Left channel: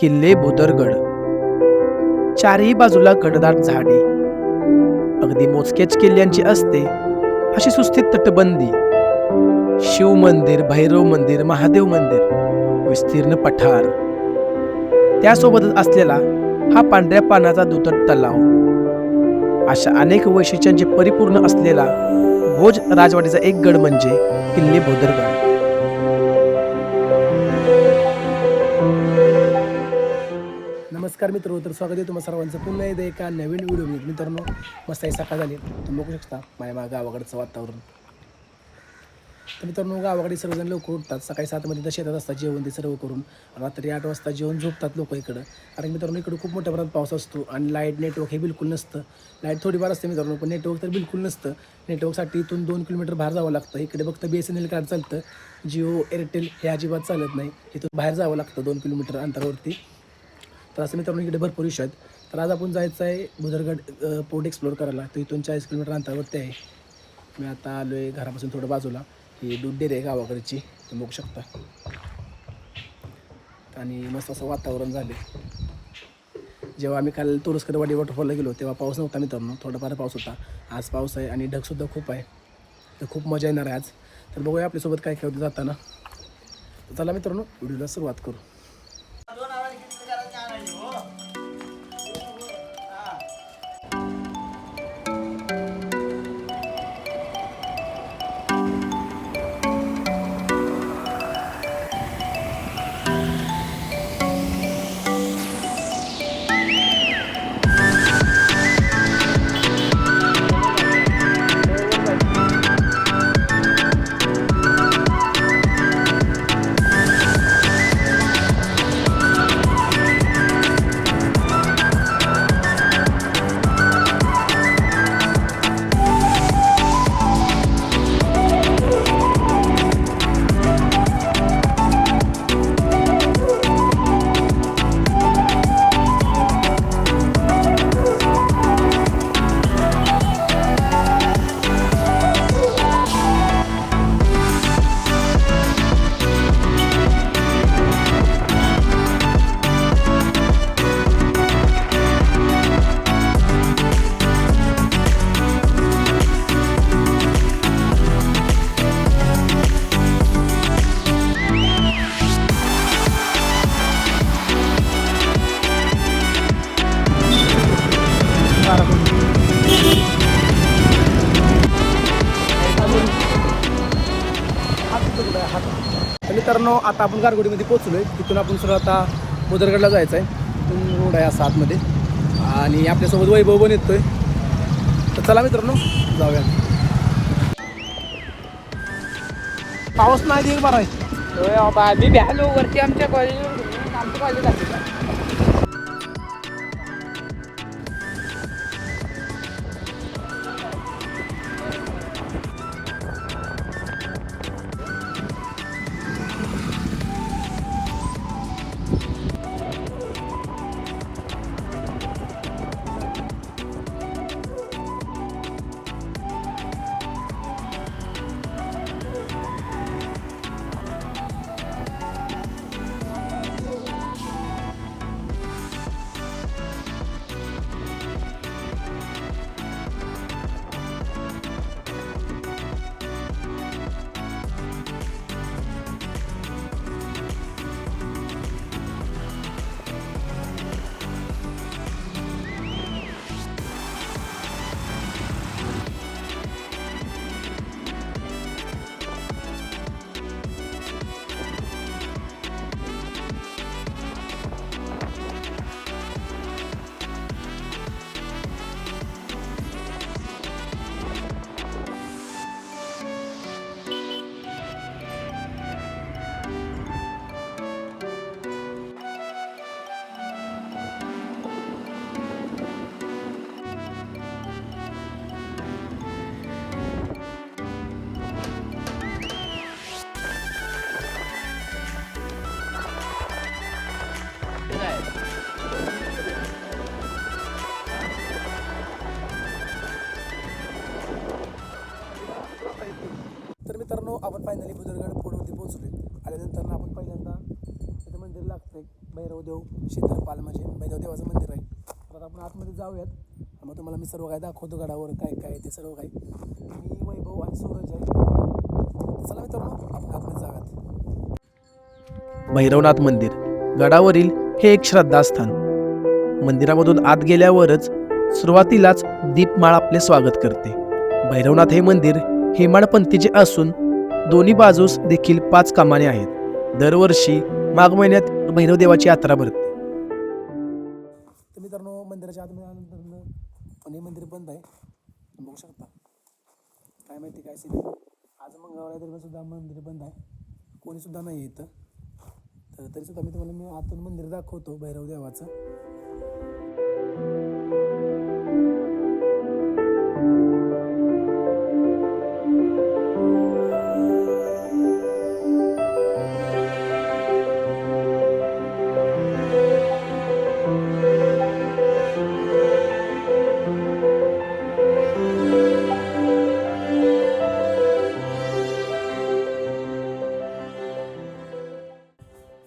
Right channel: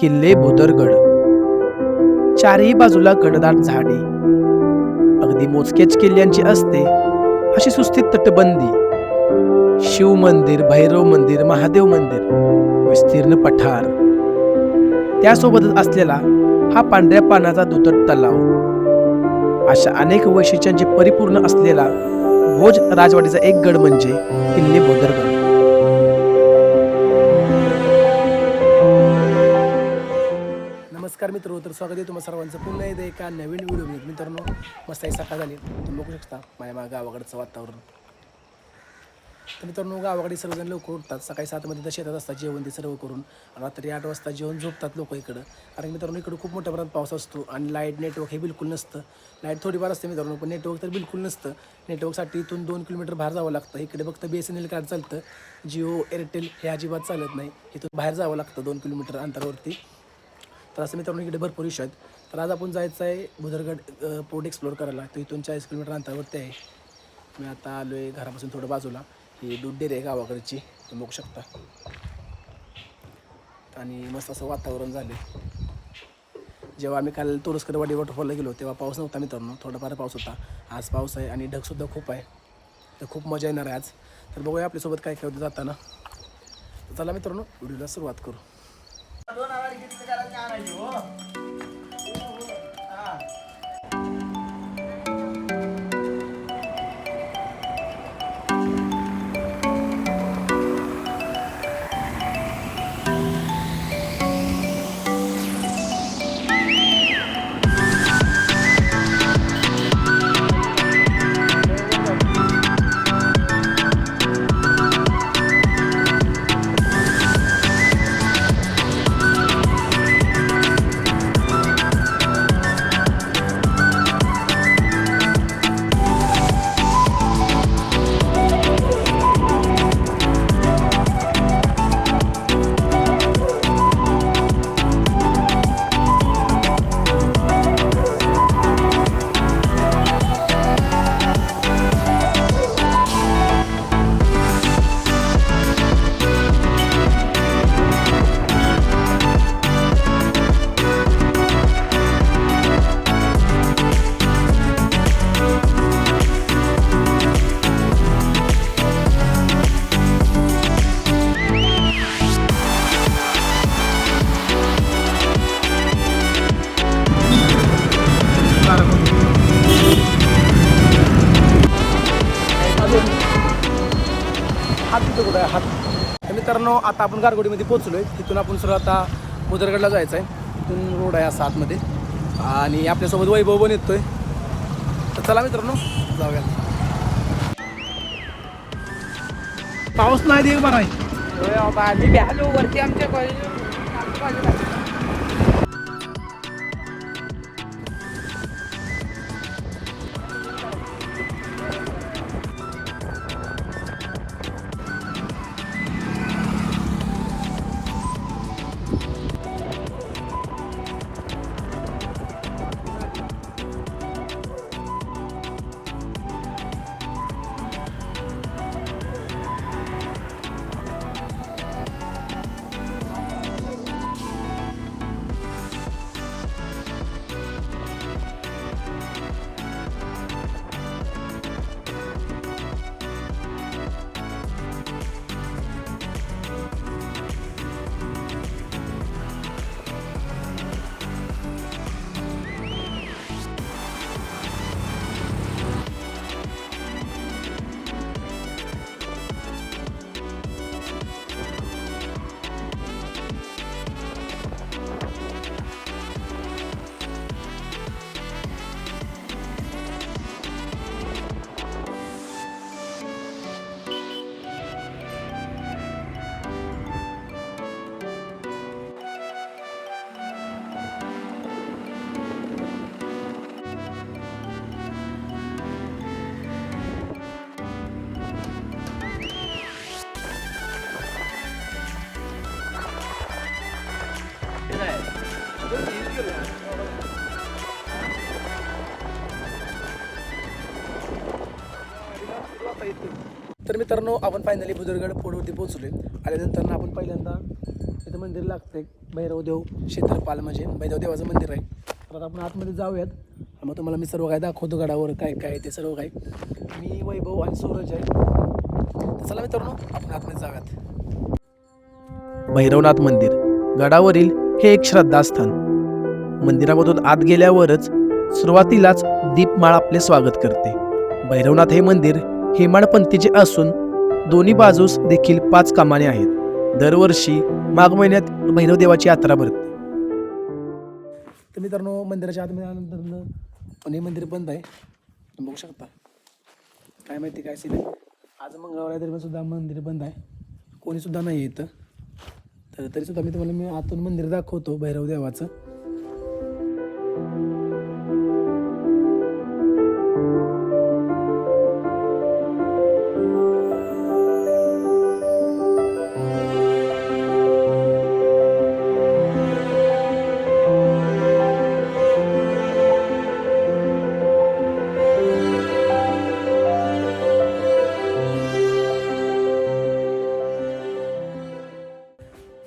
किल्ले भुदरगड. चारही बाजूला घनदाट झाडी, अगदी मोजक्याच किल्ल्यांची असते अशी सुस्थित तटबंदी, शिव मंदिर, भैरव मंदिर, महादेव मंदिर, विस्तीर्ण पठार, त्यासोबतच असलेला हा पांढऱ्या पाण्याचा दुधट तलाव, अशा अनेक वैशिष्ट्यांचे परिपूर्ण असलेला भोज राजवाडीचा एक गड म्हणजे किल्ले भुदरगड. नमस्कार मित्र, तर स्वागत आहे तुम्हाला सर्वांचं पुन्हा एकदा एका नवीन व्हिडिओ. मित्रांनो, मस्त सकाळ झाली, तुम्ही बघू शकता माझ्या गावाकडचं वातावरण. तर मित्रांनो, गावाकडे सर्वजण लवकर उठतात, सकाळी 7 मध्ये शेतात असतात, जेवण ते सर्व करून रात्री 8 वाजता जेवण झोपतात लोक इकडं. कारण मित्रांनो, इकडं खूप मोठ्या प्रमाणात पाऊस असतो आणि लाईट नेटवर्क हे बिलकुल नसतं. लाईट थोडीफार असते मित्रांनो, पण नेटवर्क तर बिलकुल नसतं. नेटवर्कसाठी इथून 2 किलोमीटर बाहेर जावं लागतं. इकडे फक्त BSNL कार्ड चालतं, जिओ एअरटेल हे अजिबात चालत नाही. इथून बाहेर जावं लागतं 2 किलोमीटर अंतरावरती. तर असं मित्रांनो, इकडे भरपूर विषय आहेत. तर आज आपण जायचं आहे भुदरगड पोर्ट एक्सप्लोअर करायला. तर इथून 40 किलोमीटर अंतरावरती आहे. मी आता आलो आहे घरापासून थोडं बाजूला. ही दूध डेअरी आहे गावाकडची, तुम्ही बघू शकता. आणि मस्त असं वातावरण झाले. जेव्हा आम्ही काल तुरस्करवाडी वॉटरफॉलला गेलो तेव्हा पाऊस नव्हता मित्रांनो, थोडाफार पाऊस होता. आज पाऊस आहे आणि ढगसुद्धा खूप आहे. तर खूप मजा येणार आहे आज. तर बघूया आपल्यासोबत काय काय होतं जाताना. तर चला मित्रांनो, व्हिडिओला सुरुवात करू. तर मित्रांनो, आता आपण गारगोडीमध्ये पोहोचलो आहे. तिथून आपण सरळ आता भुदरगडला जायचं आहे. तिथून रोड आहे असा आतमध्ये आणि आपल्यासोबत वैभव पण येतोय. तर चला मित्रांनो, जाऊया. पाऊस नाही देईल मारा मी भ्यालो वरती आमच्या कॉलेज. तर मित्रांनो, आपण फायनली भुदरगड पोर्टवरती पोहोचलोय. आल्यानंतर आपण पहिल्यांदा इथं मंदिरला लागतं एक भैरवदेव क्षेत्रपाल म्हणजे भैरव देवाचं मंदिर आहे. तर आता आपण आतमध्ये जाऊयात. मग तुम्हाला मी सर्व काय दाखवतो गडावर काय काय ते सर्व काही. मी वैभव आणि सूरज आहे. तर चला मित्रांनो आपण आतमध्ये जाऊयात. भैरवनाथ मंदिर गडावरील हे एक श्रद्धास्थान. मंदिरामधून आत गेल्यावरच सुरुवातीलाच दीपमाळ आपले स्वागत करते. भैरवनाथ हे मंदिर हेमाडपंथीचे असून दोन्ही बाजूस देखील 5 कमाने आहेत. दरवर्षी माघ महिन्यात भैरवदेवाची यात्रा भरते. तर मित्रांनो मंदिराच्या आतमध्ये आल्यानंतर पण हे मंदिर बंद आहे. तुम्ही बघू शकता. काय माहिती काय सीन आहे. आज मंगळवार आहे तरी सुद्धा मंदिर बंद आहे. कोणी सुद्धा नाही आहे इथं. तर तरी सुद्धा मी आतून मंदिर दाखवतो भैरव देवाचं.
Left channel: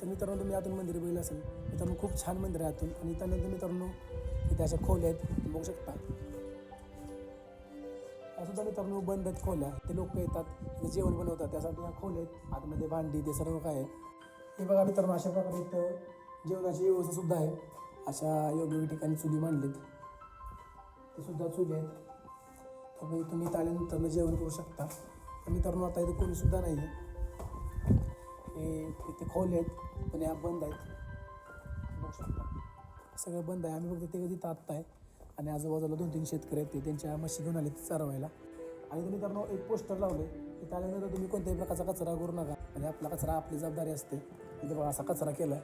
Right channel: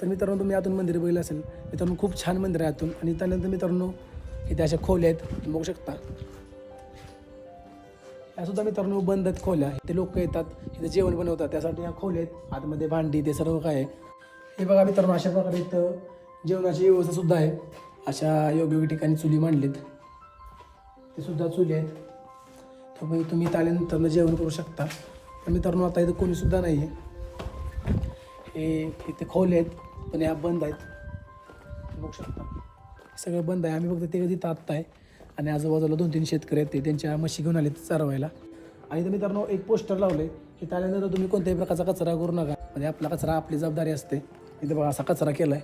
तर मित्रांनो तुम्ही आतून मंदिर बघितलं असेल. मित्रांनो खूप छान मंदिर आहे आतून. आणि त्यानंतर मित्रांनो इथे अशा खोल्या आहेत तुम्ही बघू शकता. यासुद्धा मित्रांनो बंद आहेत खोल्या. इथे लोक येतात इथे जेवण बनवतात त्यासाठी या खोल्या आहेत. आतमध्ये भांडी ते सर्व काय आहे. हे बघा मित्रांनो अशा प्रकारे इथं जेवणाची व्यवस्था सुद्धा आहे. अशा योग्य ठिकाणी चुली मांडलीत. ते सुद्धा चुली आहेत. तुम्ही इथं आल्यानंतर जेवण करू शकता. पण मित्रांनो आता इथं कोणीसुद्धा नाही आहे. हे इथे खोले आहेत पण ह्या बंद आहेत. बघू शकता सगळं बंद आहे. आम्ही फक्त ते तिथं आत्ता आहे. आणि आजूबाजूला 2-3 शेतकरी आहेत ते त्यांच्या म्हशी घेऊन आले चारवायला. आणि इथं मित्रांनो एक पोस्टर लावलं आहे की त्यानंतर तुम्ही कोणत्याही प्रकारचा कचरा करू नका. म्हणजे आपला कचरा आपली जबाबदारी असते. इथं बघा असा कचरा केला आहे.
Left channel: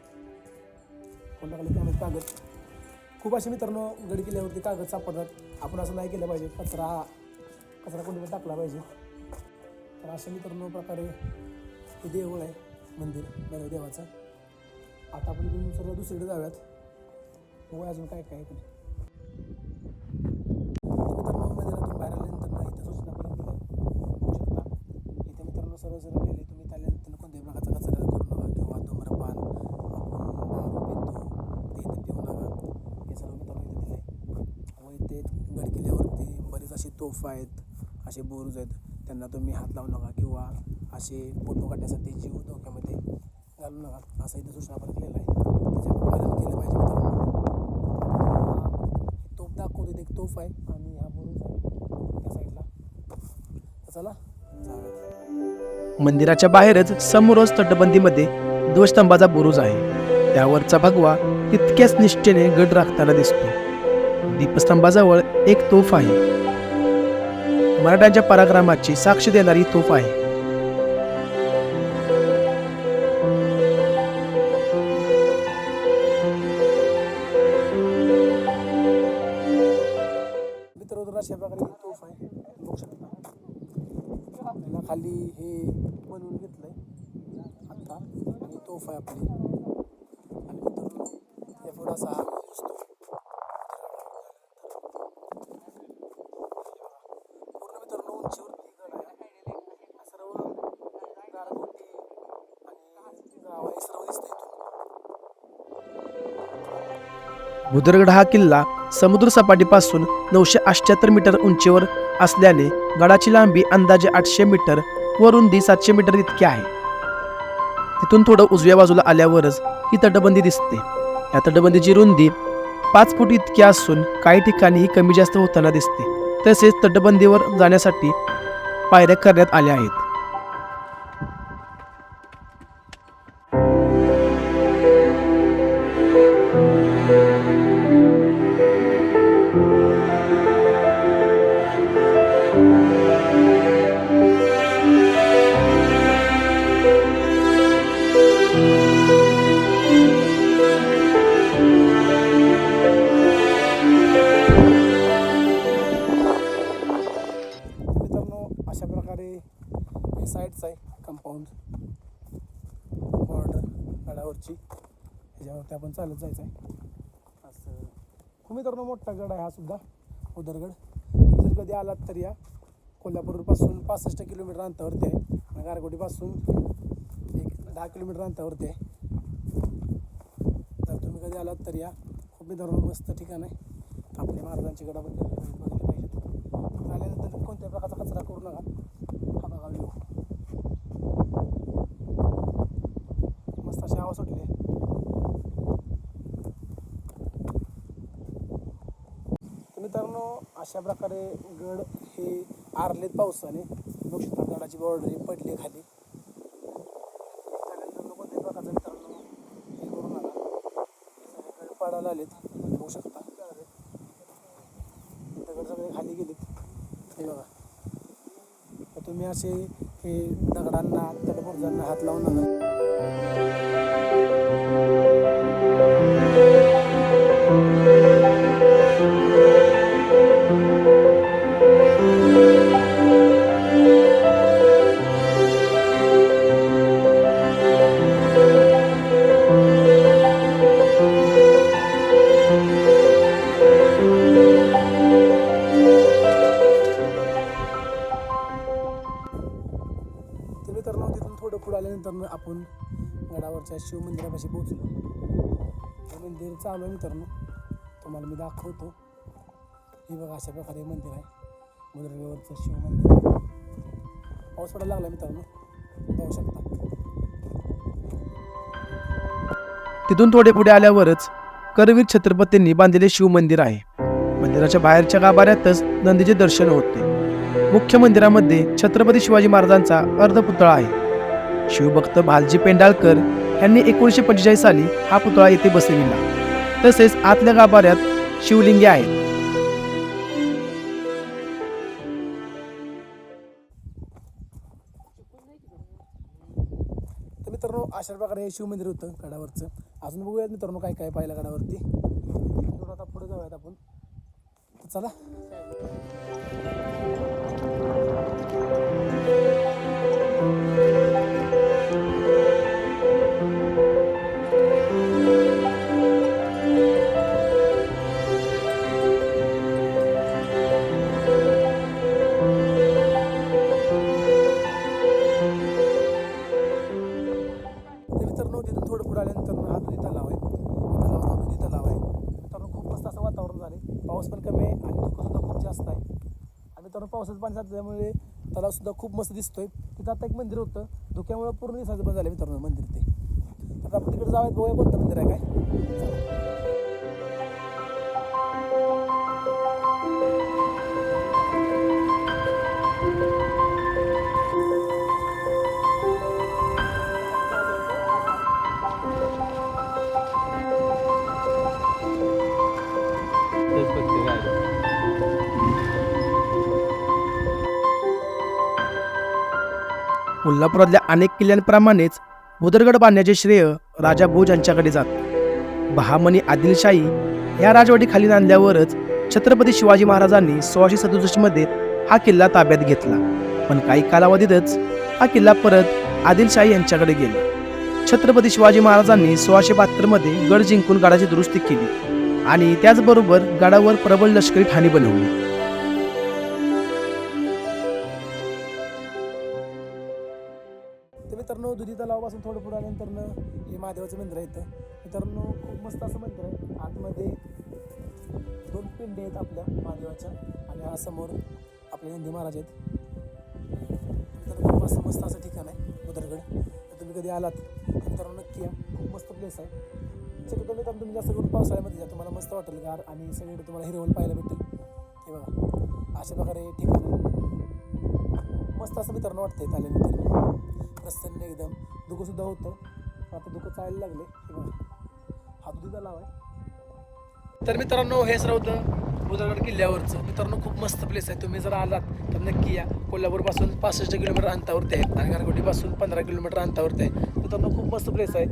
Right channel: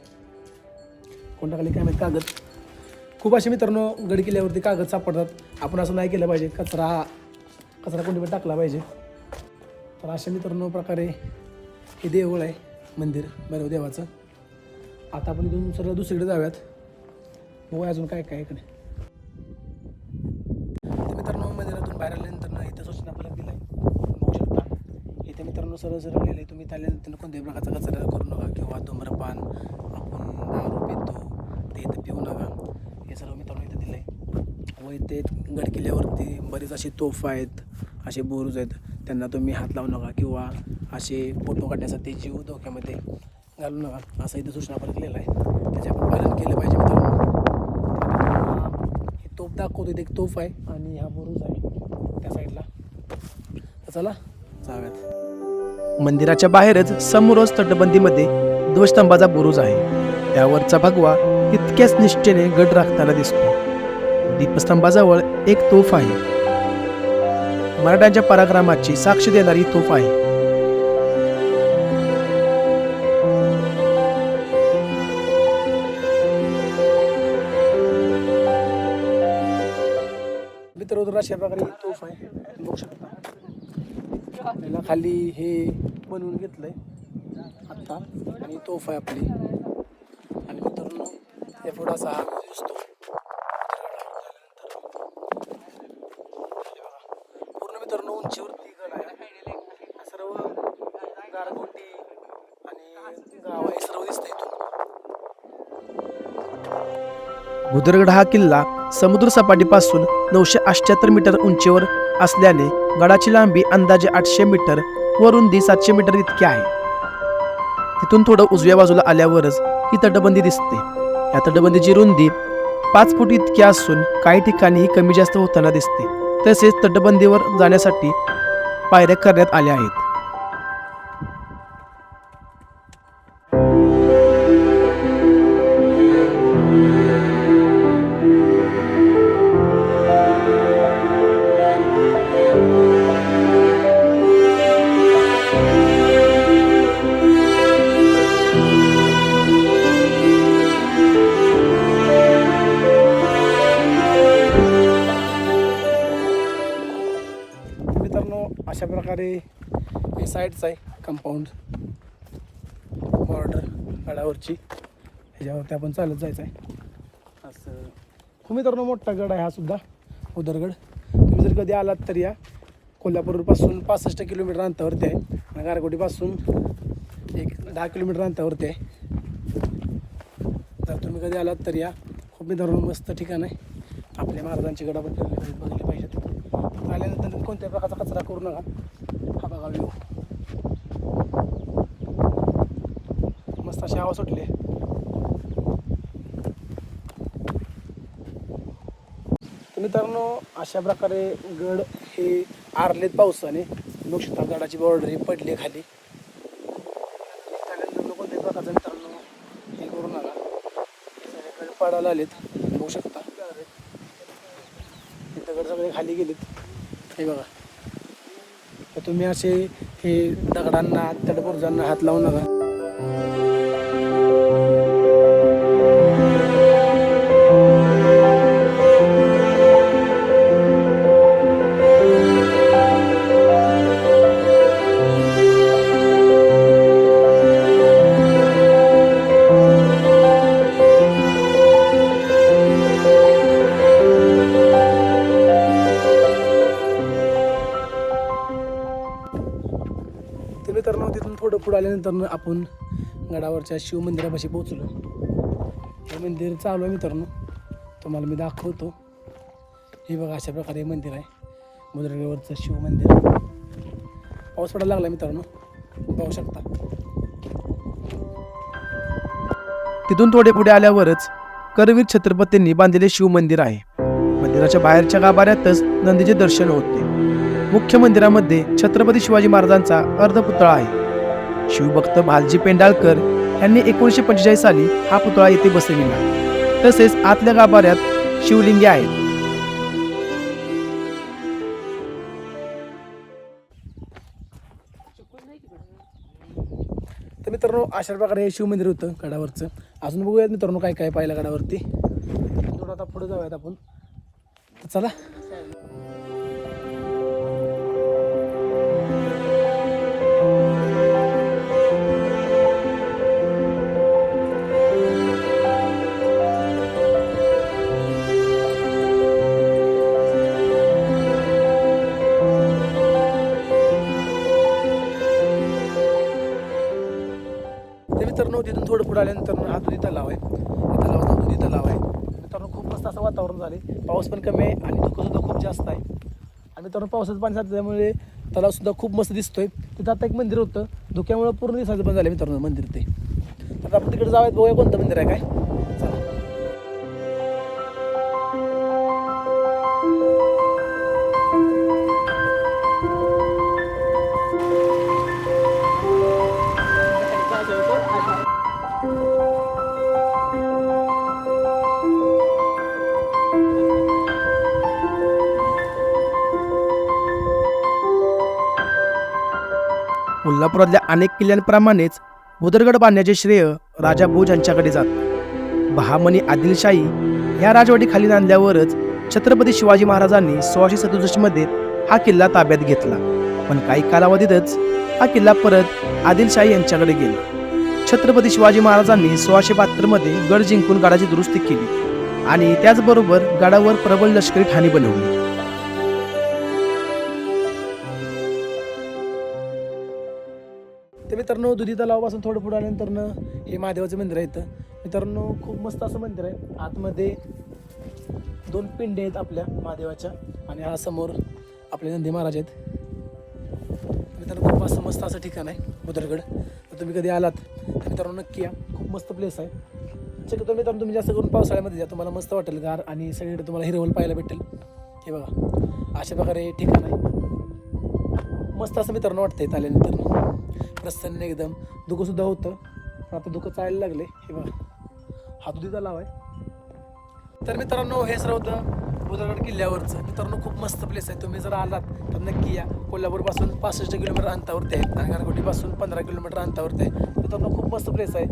कोणत्या खाली काय माहिती कागद. खूप असे मित्रांनो गड किल्ल्यावरती कागद सापडतात. आपण असं नाही केलं पाहिजे. कचरा कोणी पण टाकला पाहिजे. तर अशा मित्रांनो प्रकारे हे देऊळ आहे मंदिर भैरव देवाचं. आता आपण इथून सरळ दुसरीकडे जाऊयात. बघू अजून काय काय इकडे. तर मित्रांनो मंदिरातून बाहेर आल्यानंतर इथं सूचना फलक दिला आहे. बघू शकता इथे मित्रांनो सरळ लिहिलं आहे तुम्ही आल्यानंतर कोणत्याही प्रकारचा कचरा करू नका किंवा धूम्रपान आपण दारू पितो ते इथं पिऊ नका. हे सर्व मित्रांनो इथं दिलं आहे. व इथे गड किल्ल्यावरती बरेच असे तोफा आहेत असे बुरुज आहेत त्यांना तुम्ही हात लावू नका किंवा असे फोटो काढण्यासाठी जीव धोक्यामध्ये घालू नका असं इथं सूचना फलक लिहिलं आहे. त्याचे आपण पालन केलं पाहिजे मित्रांनो. ही तोफ दाखवतो इथे एक तोफ आहे आणि हा बुरुज आहे त्या साईडला. तर चला जाऊयात. मंदिराच्या बाहेरच समोरच तटबंदीमध्ये ध्वजस्तंभाचा बुरुज आहे. त्यावरचा भगवा तितक्याच निष्ठेने गड राखताना दिसतो. दीपस्तंभाजवळ एक तोफ आहे. मराठ्यांच्या पराक्रमाची साक्ष देणारी तोफ आहे. मित्र अशा प्रकारे ही तोफ आहे बघू शकता. त्याला खाली हे बनवून घेतलंय आत्ता आणि तोफ आहे आपली. आणि मित्रांनो या पुढे असा हा दिसतो. पूर्ण मित्रांनो उंचीवरती गड आहे. सर्व गारगोटी आणि गाव हे सर्व दिसतंय इथून. भुदरगड हा किल्ला समुद्र सपाटीपासून 978 मीटर उंचीवर असल्याने गडाची लांबी अंदाजे 800 मीटर व रुंदी 700 मीटर इतकी आहे. तिथून थोडं उजव्या बाजूला आल्यावरच ही तटबंदी दिसते. या तटबंदीची रुंदी 5 फूट इतकी असून काही ठिकाणी ही कमी जास्त होताना दिसते. तसेच तटबंदीवर जाण्यासाठी पायऱ्या करण्यात आल्या आहेत. अशा प्रकारे हे साईडचं आहे कंपाऊंड बॉर्डर गडावरची. ह्याच्यावरती आपण चालत जायचं आहे असं. खूप मित्रांनो मोठा गड आहे हा सुद्धा भुदरगड. तुम्ही जर कधी आलात तर या. कोल्हापूरपासून 65 किलोमीटर अंतरावरती आहे आणि गारगोटीपासून एक 10 किलोमीटर अंतरावरती आहे. तुम्ही कधी आलात तर या. खूप मित्रांनो मस्त ठिकाण आहे. आपल्या महाराजांची गड आपण बघितले पाहिजेत. आल्यानंतर तुम्ही कोणत्या प्रकारचा कचरा करू नका. हा बघा व्ह्यू मस्त अशी हवा सुटली. तर मित्रांनो अशा प्रकारे गड हे आरलेत पावसाने. बघू शकता गडाची बॉर्डर पडली खाली. त्यानंतर कोणत्याही प्रकारचा मित्रांनो हे करू नका. सगळे पडायला आलेत बघू शकता. दगड सगळे खाली गेलेत हे बघा. तर तुम्ही असे हे दगडांना तडबुर्जांना हात लावू नका. तर मित्रांनो तिथून थोडं पुढे आल्यानंतर आपण गडावरच्या शिवमंदिरापाशी पोहोचलो. हे मंदिर चालू आहे मित्रांनो, तुम्हाला मी दाखवतो. हे बघा अशा प्रकारे मंदिर आहे. मुद्रगडवरचं शिवमंदिर. पाऊस पडायला लागला मित्रांनो, पाहू शकता. तिथून थोडे पुढे आल्यावरच करवीर छत्रपतींनी बांधलेले शिवमंदिर आहे. मंदिराच्या बाहेरच्या गाभाऱ्यातच नंदीचे दर्शन होते. मुख्य मंदिरामध्ये छत्रपती शिवाजी महाराजांचा अर्धपुतळा आहे. शिवभक्त भालजी पेंडाळकर यांनी 1945 साली हा पुतळा येथे बसविला. तसेच आतल्या गाभाऱ्यात शिवलिंगे आहेत. तर मित्रांनो अशा प्रकारे हे शिवमंदिर होतं गडावरचं. अजून बघूयात मित्रांनो काय काय पाहिलं गडावरती. थोडं आता पुढे जाऊयात आपण. तर चला. मित्रांनो तिथून थोडं पुढे आल्यानंतर हा दुधी तलाव आहे. या तलावाचा दुधी तलाव आहे. मित्रांनो खूप मस्त असं वातावरण झाले. पाऊस पण कमी आहे आणि धुकंसुद्धा खूप जास्त आहे. आणि मित्रांनो पावसाचं पाणी साचल्यामुळे तलावसुद्धा खूप मस्त दिसतोय. तिथं आता एक मंदिर होतं, धुक्यामुळे पूर्ण दिसायचं पण झालं मित्रांनो मंदिर ते. तर आपण तिकडे जाऊयात, बघूया कोणतं मंदिर आहे काय. चला. कोल्हापुरातल्या अनेक किल्ल्यांप्रमाणेच भुदरगड बांधण्याचे श्रेय राजा भोज यांच्याकडे जात. बहामनी आदिलशाही या राजवाडीखाली नांदल्यावरच छत्रपती शिवाजी महाराजांनी 1667 मध्ये हा किल्ला ताब्यात घेतला. पण काही कालावधीतच हा किल्ला परत आदिलशाही यांच्याकडे गेला. छत्रपती शिवाजी महाराजांनी 1672 मध्ये गड जिंकून गडाची दुरुस्ती केली आणि त्याचबरोबर गडावर प्रबळ लष्करी ठाणी बनवली. तर मित्रांनो दुधी तलावापासून थोडं पुढे आल्यानंतर हे महादेवाचं मंदिर आहे. इथं मित्रांनो खूप मस्त असं मंदिर आहे. आतमध्ये 2 पिंडे आहेत आपल्या महादेवाच्या आणि हा समोर आपले नंदी महाराज आहेत. मित्रांनो खूप असं मस्त असं ठिकाण आहे भुदरगड. तर तुम्ही कधी आलात तर मित्रांनो नक्की या. खूप मस्त प्लेस आहे. शक्यतो मित्रांनो तुम्ही जास्त करून पावसाळ्यामध्ये जा, तुम्हाला मस्त वाटेल गार आणि सगळीकडे तुम्हाला हिरवळ पाहायला भेटेल. हे बघा अशा प्रकारे ठिकाण आहे. मस्त असं मित्रांनो वाटतं इथं आल्यानंतर. प्रसन्न एकदम. धुकंसुद्धा होतं, आता धुकं चालायला लागले. हे बघा हा दुधी तलाव आहे. तर मित्रांनो हे सर्व होतं भुदरगड किल्ल्यावरचं. मित्रांनो खूप मस्त प्लेस आहे. तुम्ही जर आलात तर नक्की या. कोल्हापूरपासून 65 किलोमीटर अंतरावरती आहे आणि गारगोटीपासून 15 किलोमीटर अंतरावरती आहे. मित्रांनो खूप मस्त प्लेस आहे.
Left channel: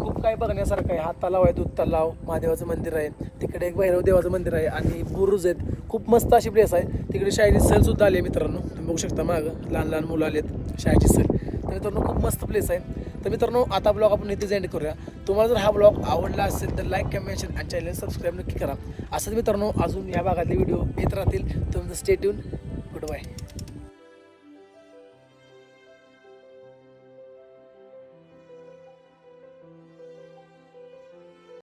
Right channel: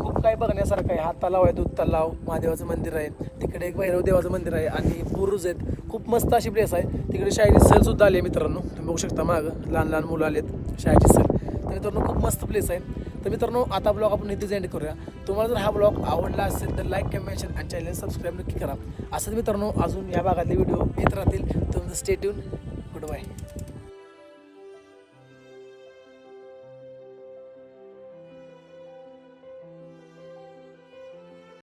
खूप काय बघण्यासारखं आहे. हा तलाव आहे, दूध तलाव, महादेवाचं मंदिर आहे. तिकडे एक भैरव देवाचं मंदिर आहे आणि बुरुज आहेत. खूप मस्त अशी प्लेस आहे. तिकडे शाळेची सहलसुद्धा आली आहे मित्रांनो. तुम्ही बघू शकता मागं लहान लहान मुलं आलेत शाळेची सहल. तर मित्रांनो खूप मस्त प्लेस आहे. तर मित्रांनो आता ब्लॉग आपण इथेच एंड करूया. तुम्हाला जर हा ब्लॉग आवडला असेल तर लाईक, कमेंट आणि चॅनल सबस्क्राईब नक्की करा. असंच मित्रांनो अजून या भागातले व्हिडिओ येत राहतील. तुमचं स्टे ट्यून. Good bye.